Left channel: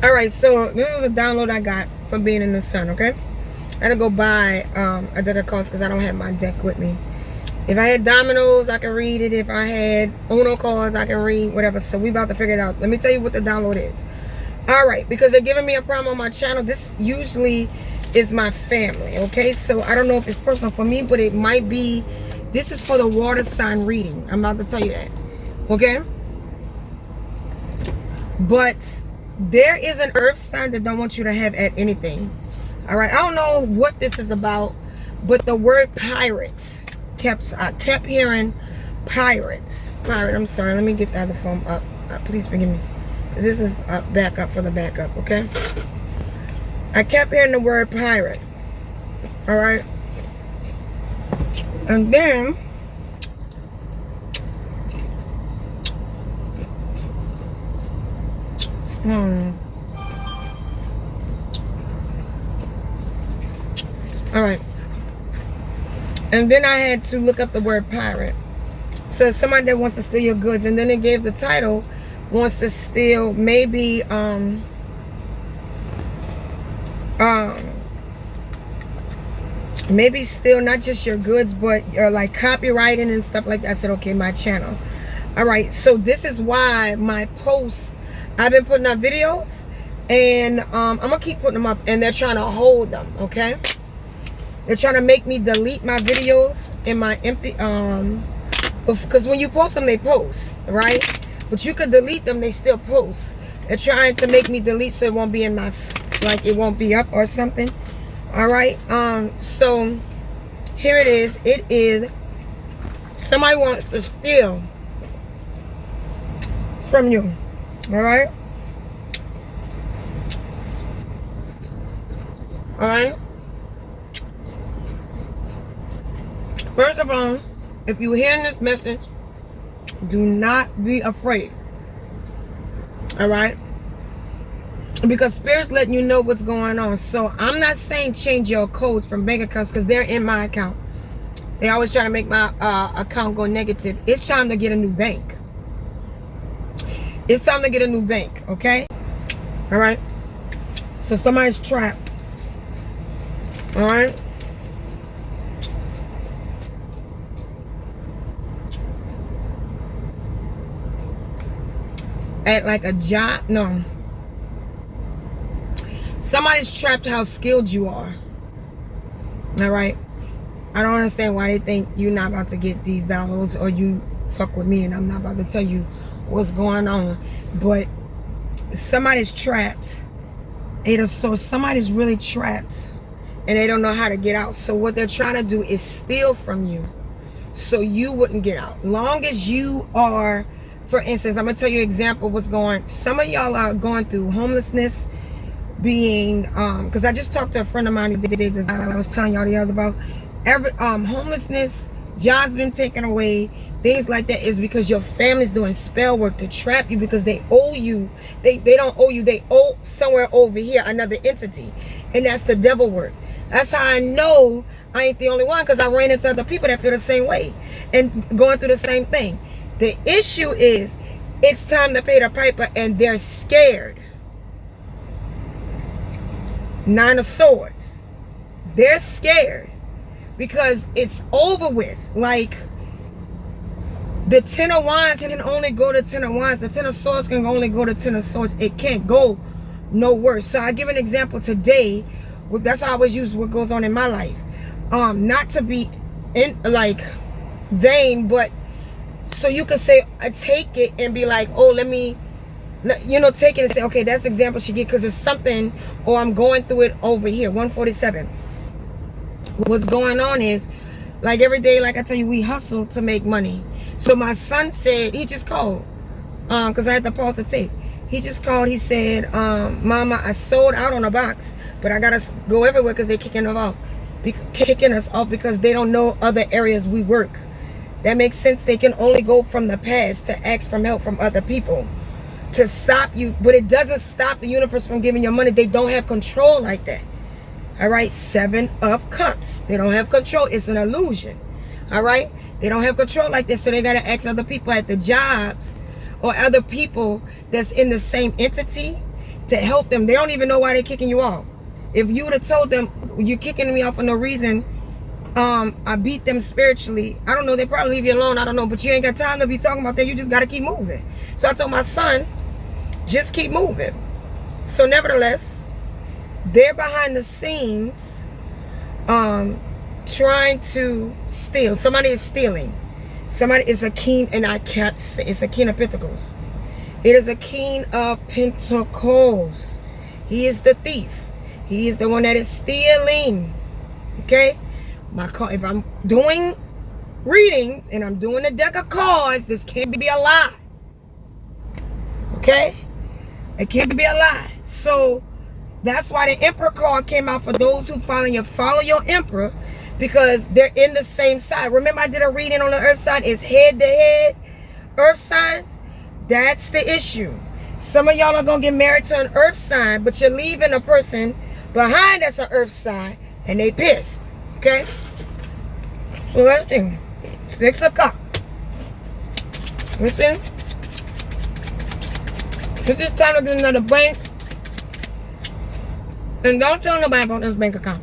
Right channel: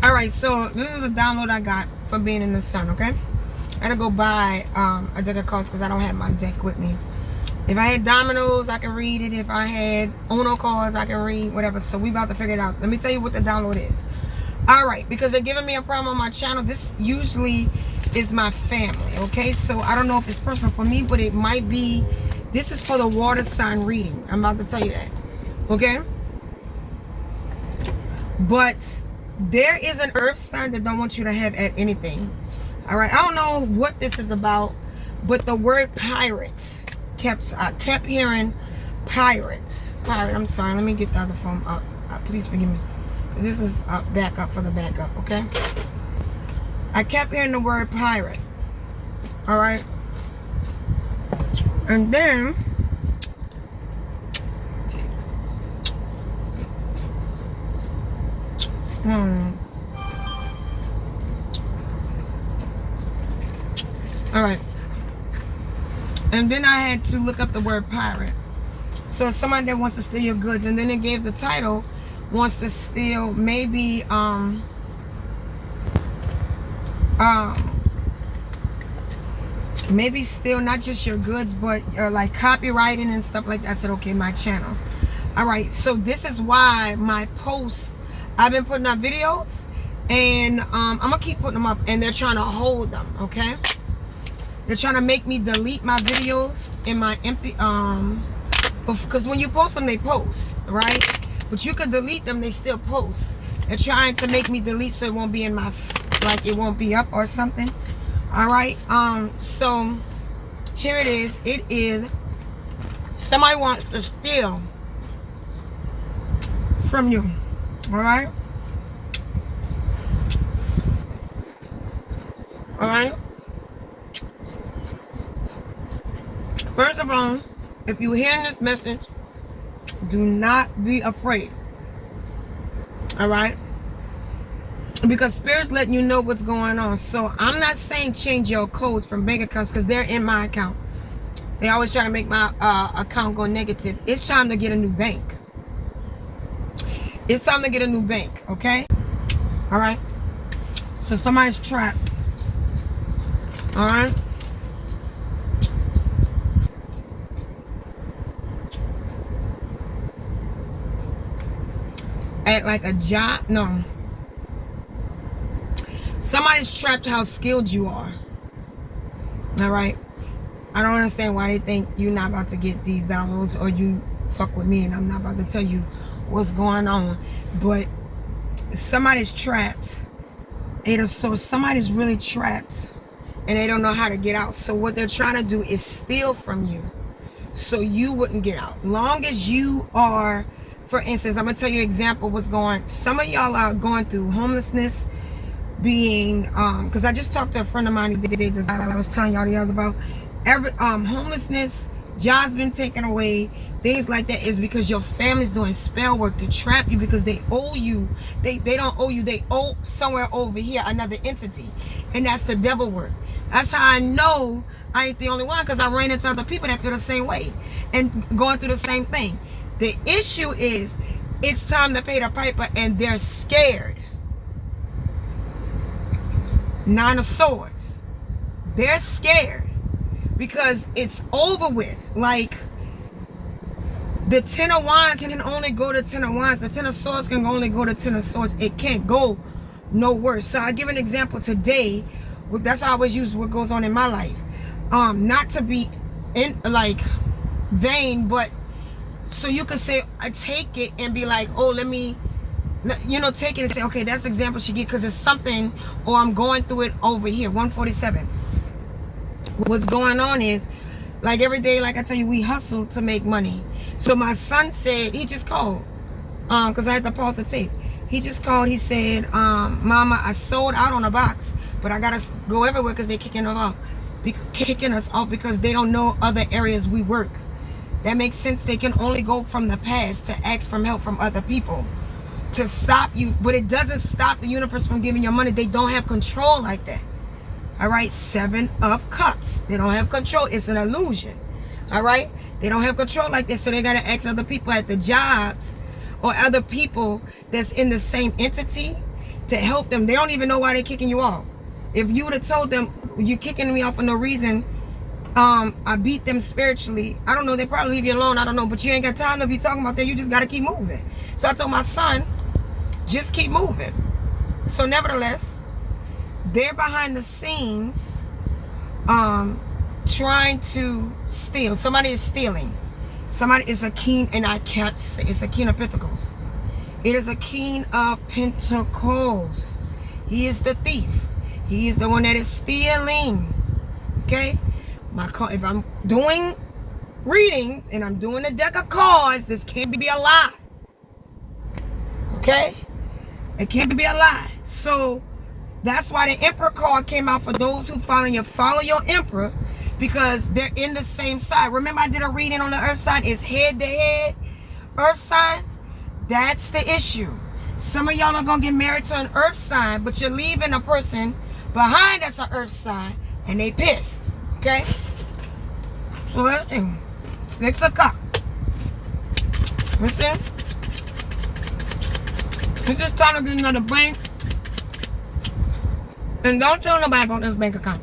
All right, so this is a download I got from being in the sun. Okay, I had to go buy a deck of cards because I don't have my deck with me. If I had dominoes, I can read it. If I had Uno cards, I can read whatever. So we about to figure it out. Let me tell you what the download is. All right, because they're giving me a problem on my channel. This usually is my family. Okay, so I don't know if it's personal for me, but it might be. This is for the water sign reading. I'm about to tell you that. Okay, but there is an earth sign that don't want you to have at anything. All right, I don't know what this is about, but the word pirate I kept hearing pirate. I'm sorry, let me get the other phone up. Please forgive me, because this is backup for the backup. Okay, I kept hearing the word pirate. All right, and then all right, and then I had to look up the word pirate. So somebody that wants to steal your goods, and then it gave the title, wants to steal maybe maybe steal not just your goods, but your like copywriting and stuff like that. I said, okay, my channel. All right, so this is why my posts, I've been putting up videos, and I'm gonna keep putting them up, and they're trying to hold them. Okay, they're trying to make me delete my videos in my empty because when you post them, they post, right? But you could delete them, they still post. They're trying to make me delete so it won't be in my, like it won't be up or something. All right, so here it is. It is, somebody wants to steal from you. All right, all right. First of all, if you're hearing this message, do not be afraid. All right, because Spirit's letting you know what's going on. So I'm not saying change your codes from bank accounts, because they're in my account. They always try to make my account go negative. It's time to get a new bank. It's time to get a new bank. Okay, all right. So somebody's trapped. All right. At like a job, no. Somebody's trapped how skilled you are. All right. I don't understand why they think you're not about to get these downloads, or you fuck with me and I'm not about to tell you what's going on. But somebody's trapped. So somebody's really trapped and they don't know how to get out. So what they're trying to do is steal from you so you wouldn't get out. Long as you are, for instance, I'm gonna tell you an example what's going. Some of y'all are going through homelessness, being because I just talked to a friend of mine who did this. I was telling y'all the other about homelessness, jobs been taken away, things like that, is because your family's doing spell work to trap you, because they owe you. They don't owe you, they owe somewhere over here another entity, and that's the devil work. That's how I know I ain't the only one, because I ran into other people that feel the same way and going through the same thing. The issue is it's time to pay the piper, and they're scared. Nine of Swords. They're scared because it's over with. Like the Ten of Wands can only go to Ten of Wands. The Ten of Swords can only go to Ten of Swords. It can't go no worse. So I give an example today. That's how I always use what goes on in my life. Not to be in like vain, but so you could say I take it and be like, oh, let me, you know, take it and say, okay, that's the example she get, because it's something, or I'm going through it over here. 147. What's going on is, like every day, like I tell you, we hustle to make money. So my son said, he just called, because I had to pause the tape. He just called, he said, Mama, I sold out on a box, but I gotta go everywhere because they're kicking us off because they don't know other areas we work. That makes sense. They can only go from the past to ask for help from other people to stop you, but it doesn't stop the universe from giving you money. They don't have control like that. All right, 7 of Cups. They don't have control. It's an illusion. All right, they don't have control like this, so they gotta ask other people at the jobs or other people that's in the same entity to help them. They don't even know why they're kicking you off. If you would have told them, you're kicking me off for no reason, I beat them spiritually, I don't know, they probably leave you alone, I don't know, but you ain't got time to be talking about that. You just got to keep moving. So I told my son, just keep moving. So nevertheless, they're behind the scenes trying to steal. Somebody is stealing. Somebody is a king, and I can't say, it's a king of pentacles. It is a king of pentacles. He is the thief. He is the one that is stealing. Okay? If I'm doing readings and I'm doing a deck of cards, this can't be a lie. Okay? It can't be a lie. So that's why the Emperor card came out for those who follow your Emperor, because they're in the same side. Remember, I did a reading on the earth sign. It's head to head earth signs. That's the issue. Some of y'all are going to get married to an earth sign, but you're leaving a person behind that's an earth sign, and they pissed. Okay? So that's the thing. 6 of Cups. Listen. This is time to get into the bank. And don't tell nobody about this bank account.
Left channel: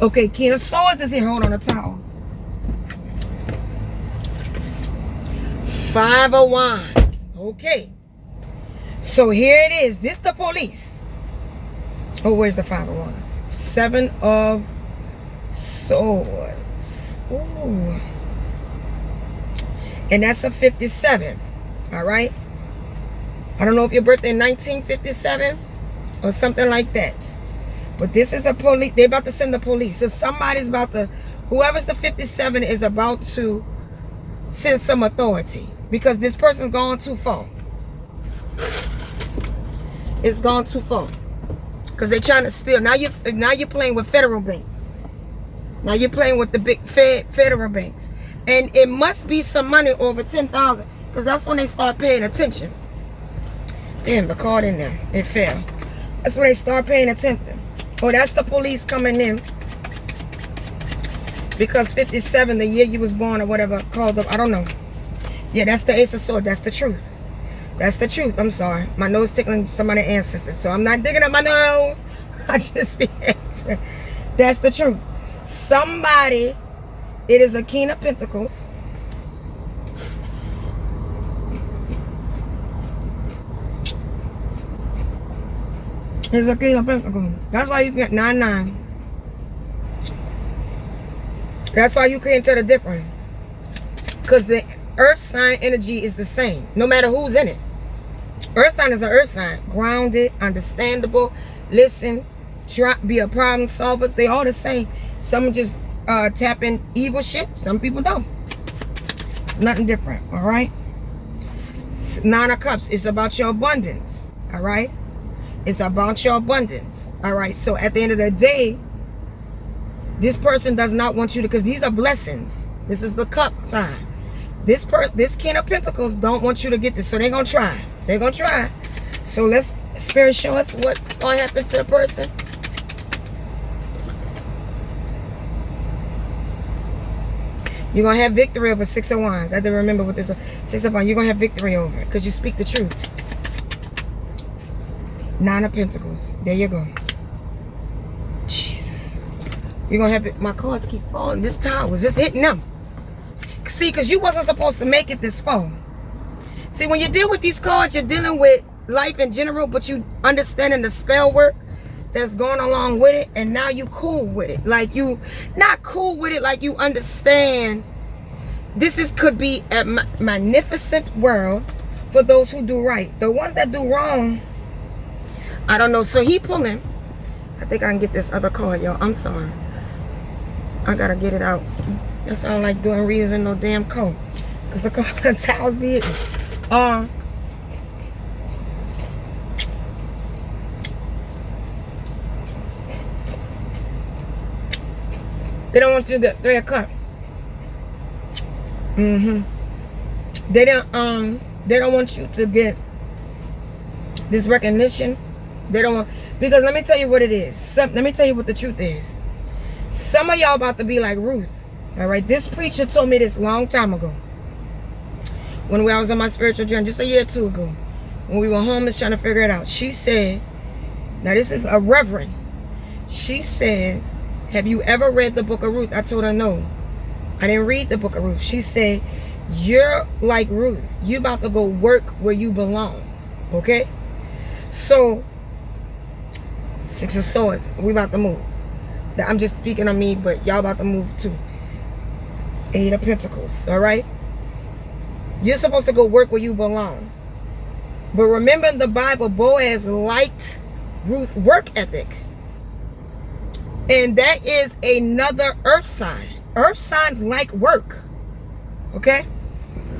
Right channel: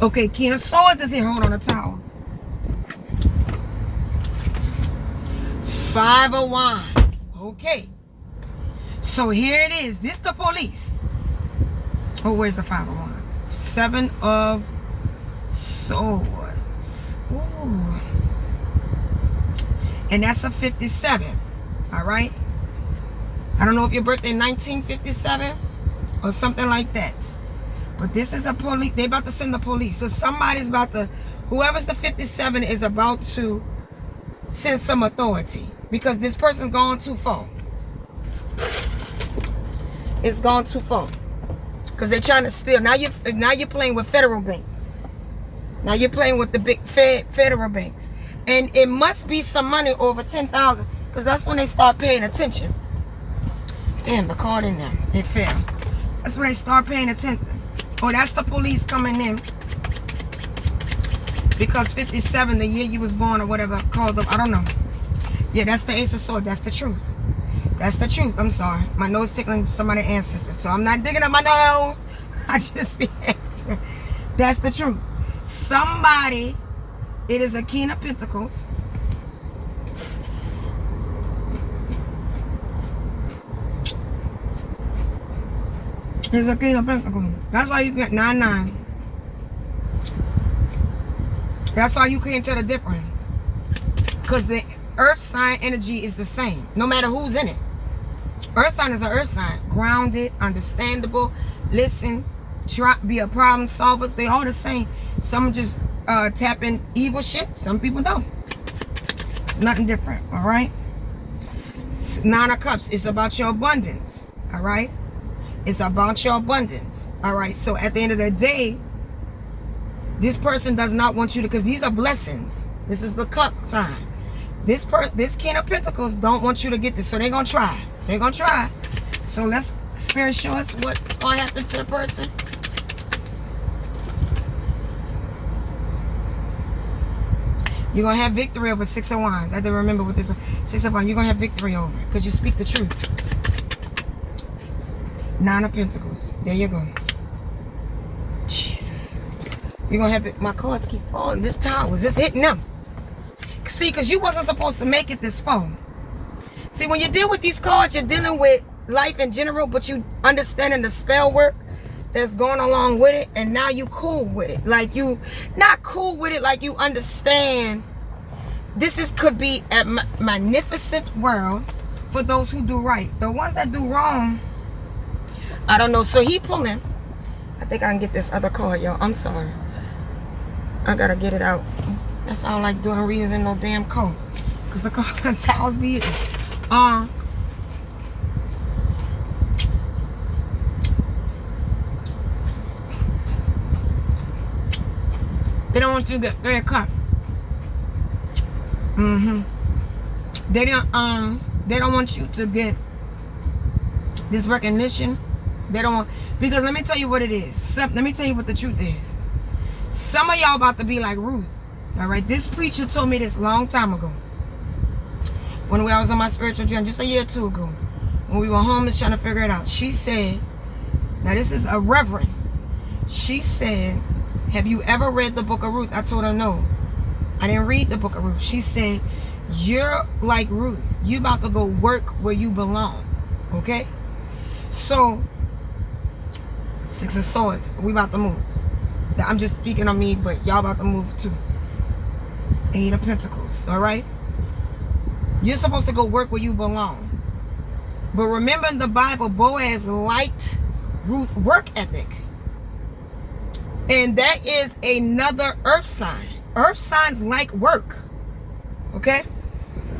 Okay, King of Swords is here. Hold on, a towel. 5 of Wands. Okay. So here it is. This the police. Oh, where's the 5 of Wands? 7 of Swords. Ooh. And that's a 57. All right. I don't know if your birthday 1957 or something like that. But this is a police. They're about to send the police. So somebody's about to, whoever's the 57 is about to send some authority, because this person's gone too far. It's gone too far. Because they're trying to steal. Now you're playing with federal banks. Now you're playing with the big federal banks. And it must be some money over 10,000, because that's when they start paying attention. Damn, the card in there. It fell. That's when they start paying attention. Oh, that's the police coming in. Because 57, the year you was born or whatever, called up, I don't know. Yeah, that's the Ace of Swords. That's the truth. That's the truth. I'm sorry. My nose tickling somebody's ancestors. So I'm not digging up my nose. I just be answering. That's the truth. Somebody, it is a King of Pentacles. It's a King of Pentacles. That's why you get 9-9. That's why you can't tell the difference. Because the earth sign energy is the same, no matter who's in it. Earth sign is an earth sign. Grounded, understandable, listen, try, be a problem solver. They all the same. Some just tap in evil shit. Some people don't. It's nothing different, all right? 9 of Cups. It's about your abundance, all right? It's about your abundance, all right? So at the end of the day, this person does not want you to, because these are blessings. This is the cup sign. This King of Pentacles don't want you to get this, so they're going to try. They're going to try. So let's, Spirit, show us what's going to happen to the person. You're going to have victory over 6 of Wands. I have to remember what this is. 6 of Wands. You're going to have victory over it because you speak the truth. 9 of Pentacles. There you go. Jesus. You're going to have it. My cards keep falling. This time was just hitting them. See, because you wasn't supposed to make it this far. See, when you deal with these cards, you're dealing with life in general, but you understanding the spell work that's going along with it, and now you cool with it. Like you, not cool with it, like you understand this could be a magnificent world for those who do right. The ones that do wrong, I don't know. So he pulling. I think I can get this other card, y'all. I'm sorry. I gotta get it out. That's why I don't like doing readings in no damn code. Because the card towels be it. They don't want you to get 3 of Cups. They don't want you to get this recognition. They don't want, because let me tell you what it is. Let me tell you what the truth is. Some of y'all about to be like Ruth. All right, this preacher told me this long time ago. when I was on my spiritual journey, just a year or two ago, when we were homeless trying to figure it out. She said, now this is a reverend. She said, have you ever read the book of Ruth? I told her no. I didn't read the book of Ruth. She said, you're like Ruth. You about to go work where you belong. Okay? So, Six of Swords. We about to move. I'm just speaking on me, but y'all about to move too. Eight of Pentacles. Alright? You're supposed to go work where you belong. But remember in the Bible, Boaz liked Ruth's work ethic. And that is another earth sign. Earth signs like work. Okay?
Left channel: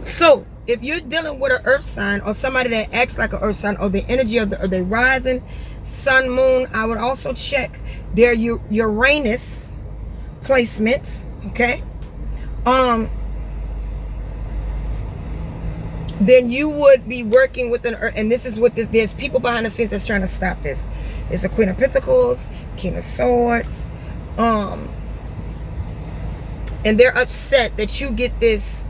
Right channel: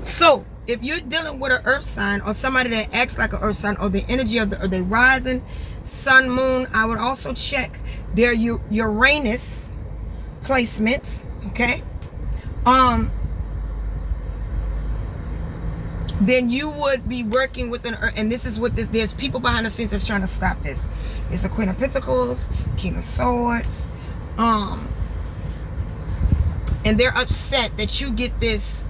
So, if you're dealing with an earth sign or somebody that acts like an earth sign or the energy of the rising sun, moon, I would also check their Uranus placement. Okay? Then you would be working with an earth, and this is what there's people behind the scenes that's trying to stop this. It's a Queen of Pentacles, King of Swords, and they're upset that you get this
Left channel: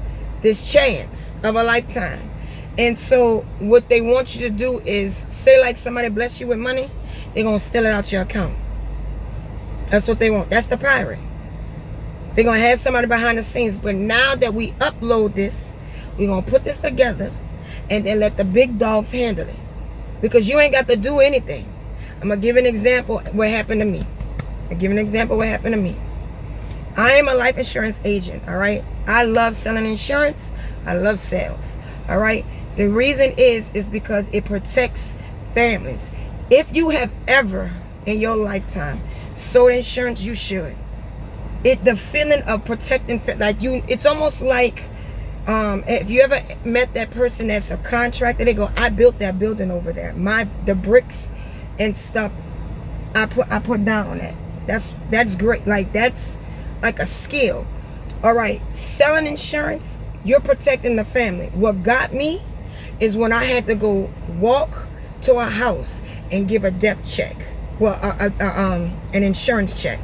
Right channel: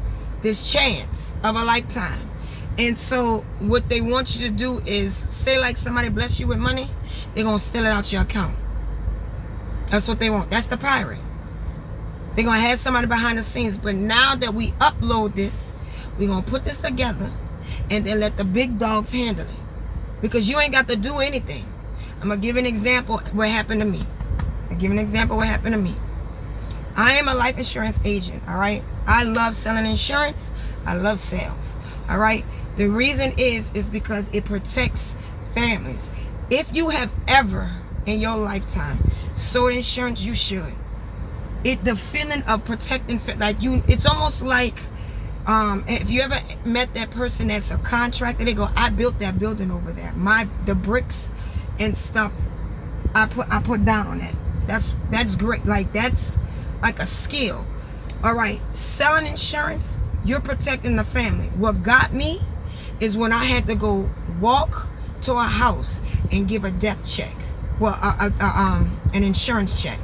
chance of a lifetime. And so what they want you to do is say, like, somebody bless you with money, they're gonna steal it out your account. That's what they want. That's the pirate. They're gonna have somebody behind the scenes. But now that we upload this, we're gonna put this together and then let the big dogs handle it, because you ain't got to do anything. I'm gonna give an example what happened to me. I am a life insurance agent. All right, I love selling insurance. I love sales. All right, the reason is because it protects families. If you have ever in your lifetime sold insurance, you should. The feeling of protecting, like you, it's almost like if you ever met that person that's a contractor, they go, I built that building over there. The bricks and stuff I put down on that. That's great. Like, that's like a skill. All right, selling insurance, you're protecting the family. What got me is when I had to go walk to a house and give a death check, well, an insurance check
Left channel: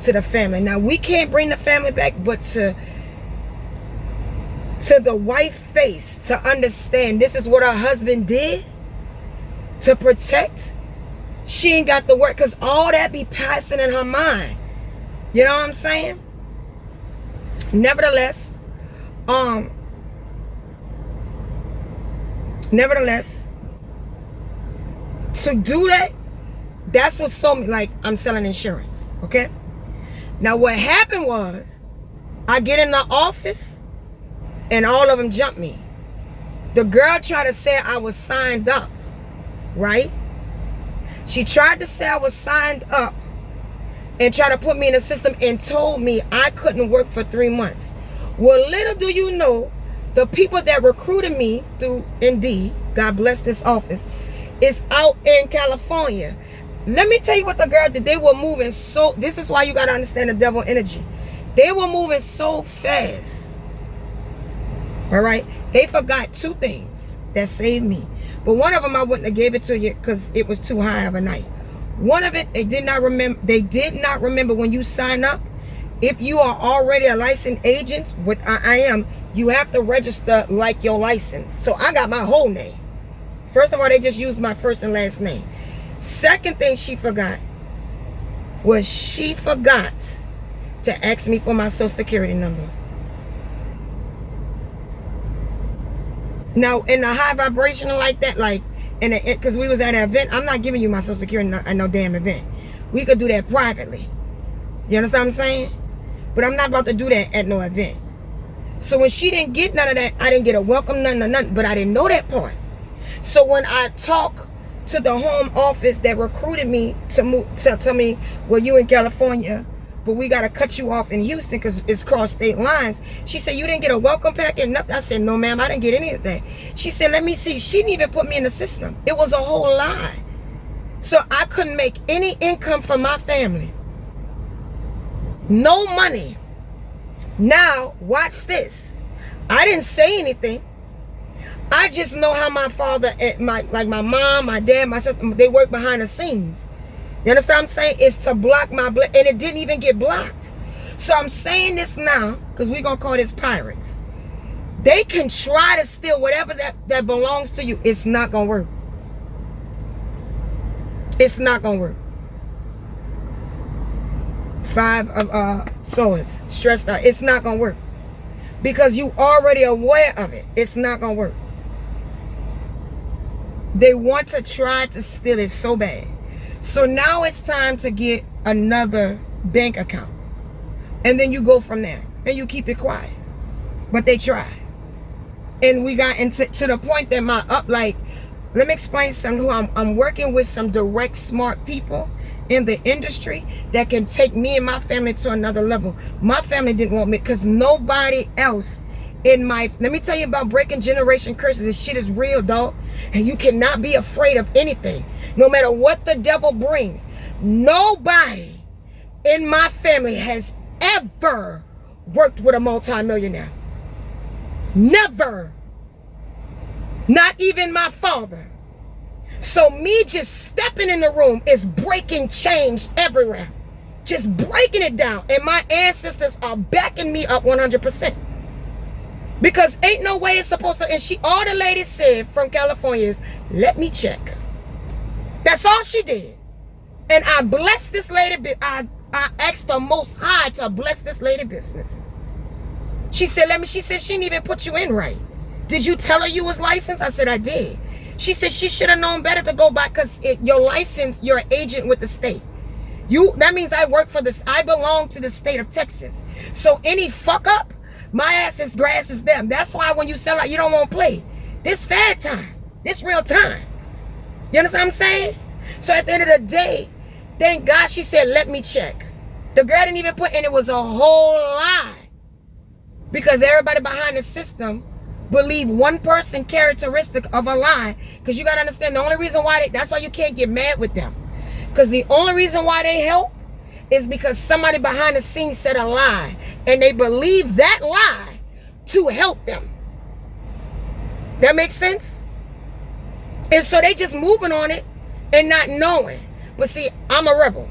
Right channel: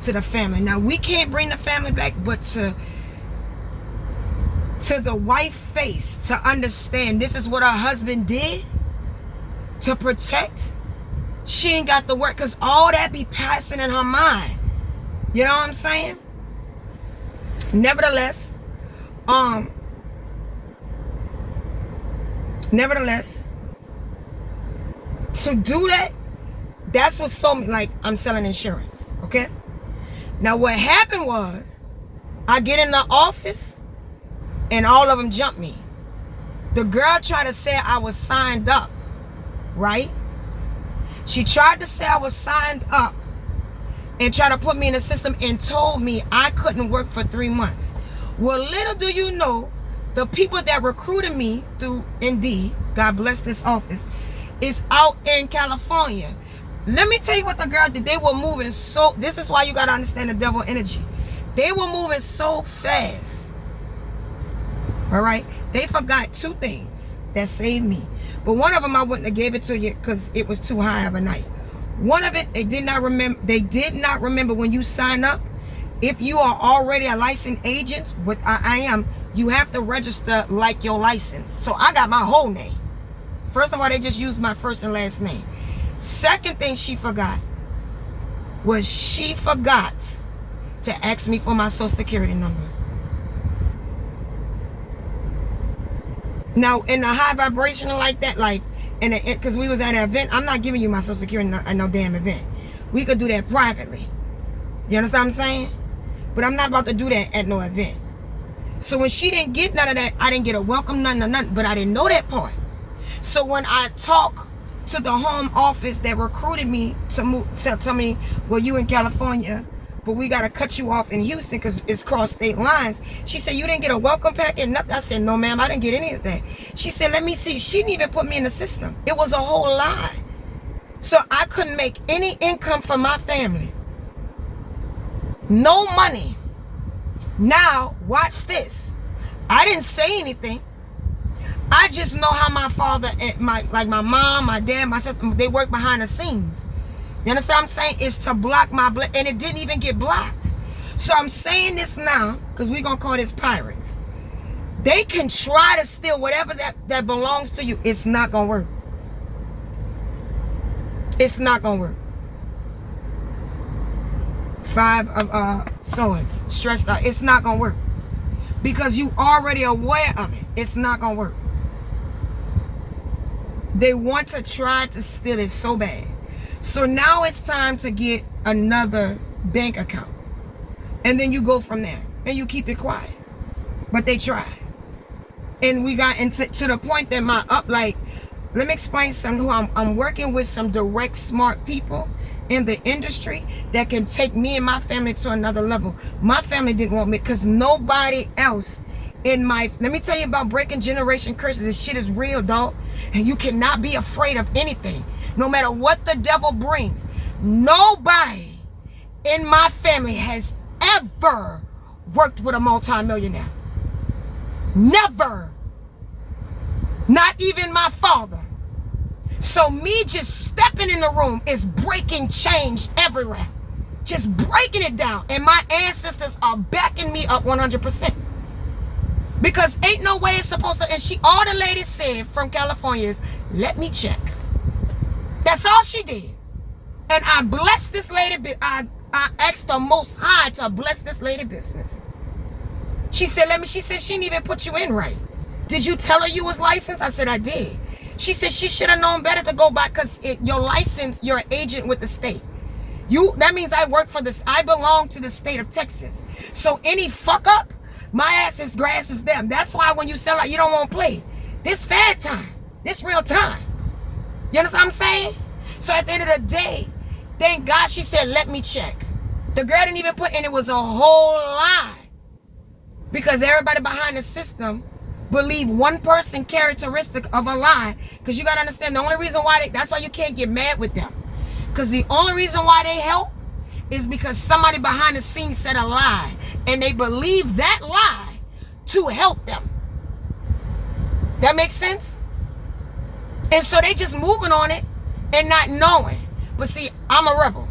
to the family. Now, we can't bring the family back, but to the wife face to understand this is what her husband did to protect. She ain't got the work, because all that be passing in her mind. You know what I'm saying? Nevertheless, to do that, that's what sold me. Like, I'm selling insurance. Okay? Now, what happened was, I get in the office and all of them jumped me. The girl tried to say I was signed up, right? She tried to say I was signed up and tried to put me in the system and told me I couldn't work for 3 months. Well, little do you know, the people that recruited me through Indeed, God bless this office, is out in California. Let me tell you what the girl did. They were moving so, this is why you got to understand the devil energy. They were moving so fast. All right? They forgot 2 things that saved me. But one of them I wouldn't have gave it to you because it was too high of a night. One of it, they did not remember when you sign up. If you are already a licensed agent, with I am, you have to register like your license. So I got my whole name. First of all, they just used my first and last name. Second thing she forgot was she forgot to ask me for my social security number. Now, in the high vibrational like that, like, because we was at an event, I'm not giving you my social security at no damn event. We could do that privately. You understand what I'm saying? But I'm not about to do that at no event. So when she didn't get none of that, I didn't get a welcome, nothing. But I didn't know that part. So when I talk to the home office that recruited me to move, tell me, well, you in California, but we got to cut you off in Houston because it's cross state lines. She said, you didn't get a welcome packet? Nothing. I said, no, ma'am, I didn't get any of that. She said, let me see. She didn't even put me in the system. It was a whole lie. So I couldn't make any income for my family. No money. Now, watch this. I didn't say anything. I just know how my father, my mom, my dad, my sister, they work behind the scenes. You understand what I'm saying? It's to block my blood, and it didn't even get blocked. So I'm saying this now, because we're going to call this pirates. They can try to steal whatever that belongs to you. It's not gonna work. It's not gonna work. 5 of swords, stressed out. It's not gonna work because you already aware of it. It's not gonna work. They want to try to steal it so bad. So now it's time to get another bank account, and then you go from there and you keep it quiet. But they try, and we got into to the point that let me explain something. Who I'm working with some direct, smart people in the industry that can take me and my family to another level. My family didn't want me because nobody else in my, let me tell you about breaking generation curses. This shit is real, dog. And you cannot be afraid of anything, no matter what the devil brings. Nobody in my family has ever worked with a multimillionaire. Never. Not even my father. So me just stepping in the room is breaking change everywhere. Just breaking it down. And my ancestors are backing me up 100%. Because ain't no way it's supposed to. And all the lady said from California is, let me check. That's all she did. And I blessed this lady. I asked the Most High to bless this lady business. She said, she said she didn't even put you in right. Did you tell her you was licensed? I said, I did. She said she should have known better to go back because your license, you're an agent with the state. That means I work for this. I belong to the state of Texas. So any fuck up, my ass is grass is them. That's why when you sell out, you don't want to play. This fad time. This real time. You understand what I'm saying? So at the end of the day, thank God she said, let me check. The girl didn't even put in, it was a whole lie. Because everybody behind the system believe one person characteristic of a lie. Because you got to understand, the only reason why that's why you can't get mad with them. Because the only reason why they help is because somebody behind the scenes said a lie. And they believe that lie to help them. That makes sense? And so they just moving on it and not knowing. But see, I'm a rebel.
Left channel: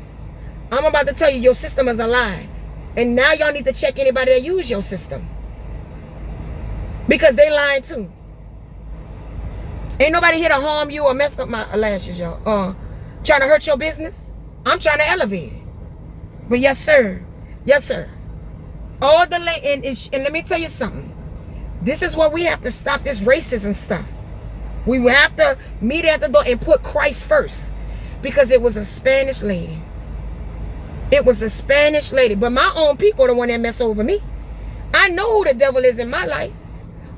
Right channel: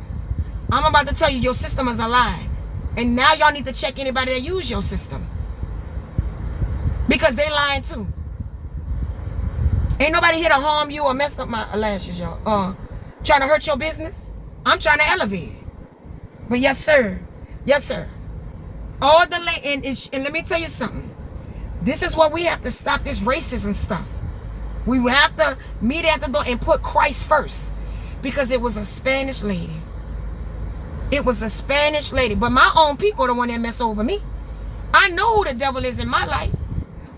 I'm about to tell you, your system is a lie. And now y'all need to check anybody that use your system. Because they lying too. Ain't nobody here to harm you or mess up my lashes, y'all. Trying to hurt your business. I'm trying to elevate it. But yes, sir. Yes, sir. All the and let me tell you something. This is what we have to stop, this racism stuff. We have to meet at the door and put Christ first. Because it was a Spanish lady. It was a Spanish lady. But my own people are the one that mess over me. I know who the devil is in my life.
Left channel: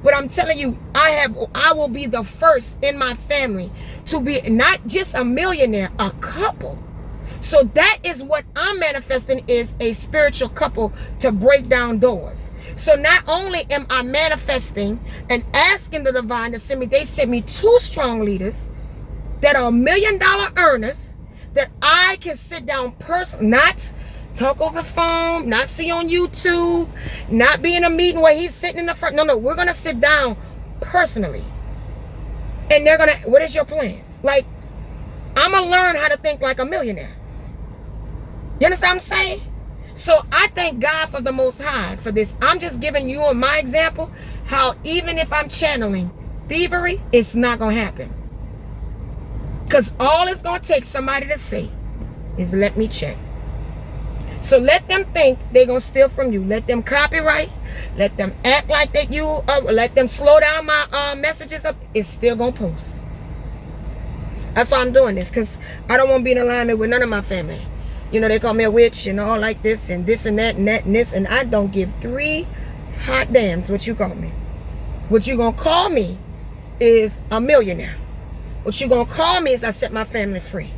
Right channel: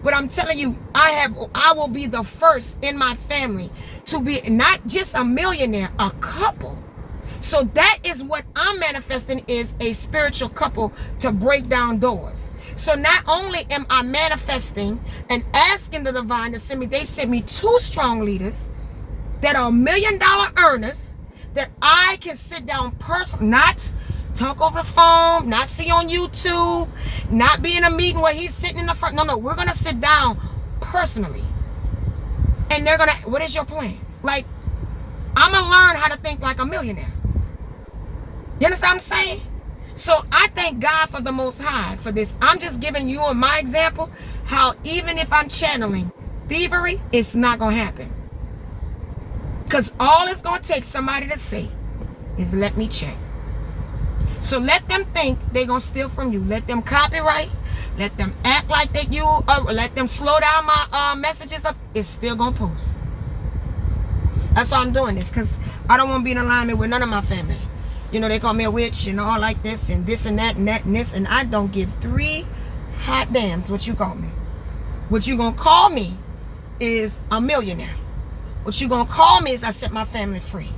But I'm telling you, I will be the first in my family to be not just a millionaire, a couple. So that is what I'm manifesting, is a spiritual couple to break down doors. So not only am I manifesting and asking the divine to send me, they sent me 2 strong leaders that are $1 million earners that I can sit down personally, not talk over the phone, not see on YouTube, not be in a meeting where he's sitting in the front. No, we're going to sit down personally. And they're going to, what is your plans? Like, I'm going to learn how to think like a millionaire. You understand what I'm saying? So I thank God for the Most High for this. I'm just giving you my example, how even if I'm channeling thievery, it's not going to happen. Because all it's going to take somebody to say is, let me check. So let them think they're going to steal from you. Let them copyright. Let them act like that let them slow down my messages up. It's still going to post. That's why I'm doing this. Because I don't want to be in alignment with none of my family. You know, they call me a witch and all like this and this and that and that and this. And I don't give 3 hot damns what you call me. What you going to call me is a millionaire. What you going to call me is I set my family free.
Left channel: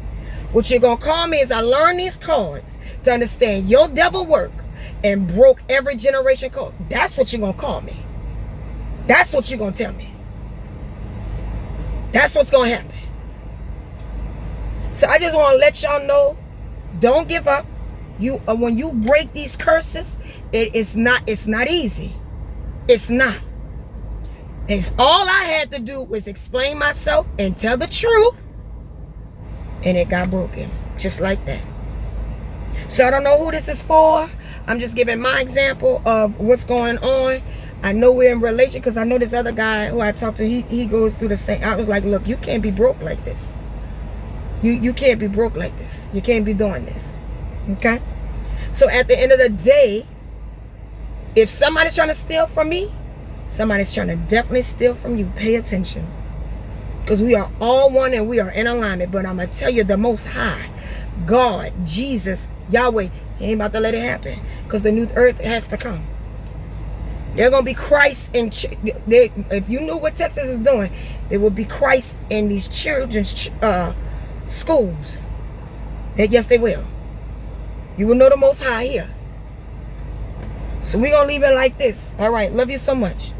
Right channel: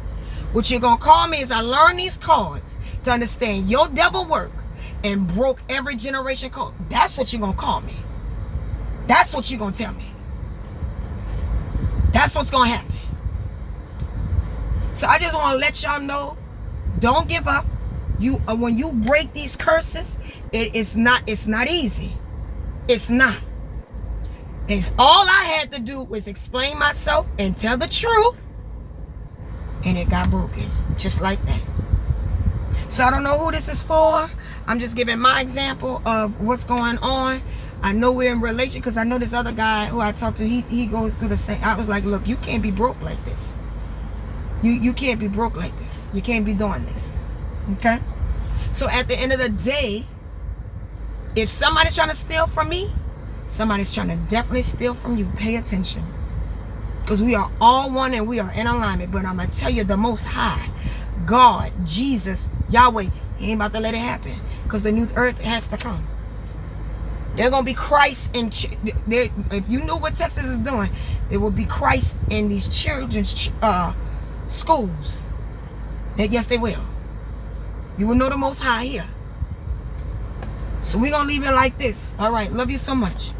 What you're going to call me is I learned these cards to understand your devil work and broke every generation code. That's what you're going to call me. That's what you're going to tell me. That's what's going to happen. So I just want to let y'all know, don't give up. When you break these curses, it's not easy. It's not. It's all I had to do was explain myself and tell the truth. And it got broken. Just like that. So I don't know who this is for. I'm just giving my example of what's going on. I know we're in relation because I know this other guy who I talked to, he goes through the same. I was like, look, you can't be broke like this. You can't be broke like this. You can't be doing this. Okay? So at the end of the day, if somebody's trying to steal from me, somebody's trying to definitely steal from you. Pay attention. Because we are all one and we are in alignment. But I'm going to tell you, the Most High, God, Jesus, Yahweh, He ain't about to let it happen. Because the new earth has to come. There's going to be Christ in... If you know what Texas is doing, there will be Christ in these children's schools. And yes, they will. You will know the Most High here. So we're going to leave it like this. All right. Love you so much.